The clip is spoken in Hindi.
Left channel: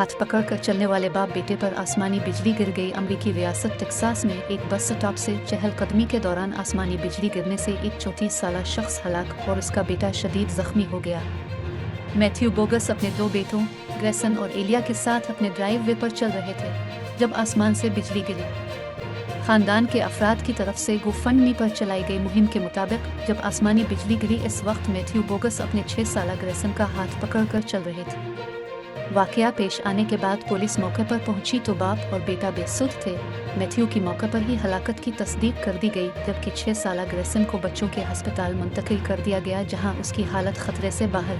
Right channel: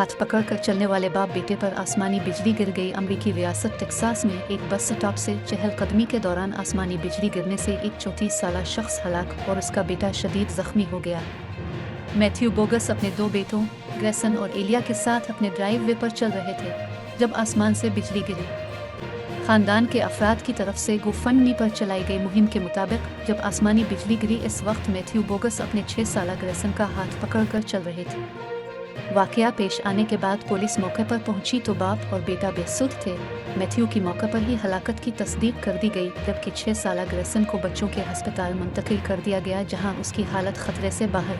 हाथ पकड़कर चलने वाले बाप बेटे पर आसमानी बिजली गिर गई। अमेरिकी रियासत टेक्सास में एक बस स्टॉप से चहलकदमी के दौरान आसमानी बिजली गिरने से एक 34 साला शख्स हलाक और उसका बेटा शदीद जख्मी हो गया। मैथ्यू बोगस अपने दो बेटों ग्रेसन और एलिया के साथ अपने ड्राइव वे पर चल रहे थे जब आसमान से बिजली गिरी। खानदान के अफराद की तरफ से गोफंडमी पर चलाई गई मुहिम के मुताबिक जब आसमानी बिजली गिरी, इस वक्त मैथ्यू बोगस अपने 6 साला ग्रेसन का हाथ पकड़कर चल रहे थे। वाकया पेश आने के बाद पुलिस मौके पर पहुंची तो बाप और बेटा बेसुध थे। मैथ्यू की मौके पर ही हलाकत की तस्दीक कर दी गई, जबकि 6 साला ग्रेसन को बच्चों के अस्पताल मुंतकिल कर दिया गया जहां उसकी हालत खतरे से बाहर।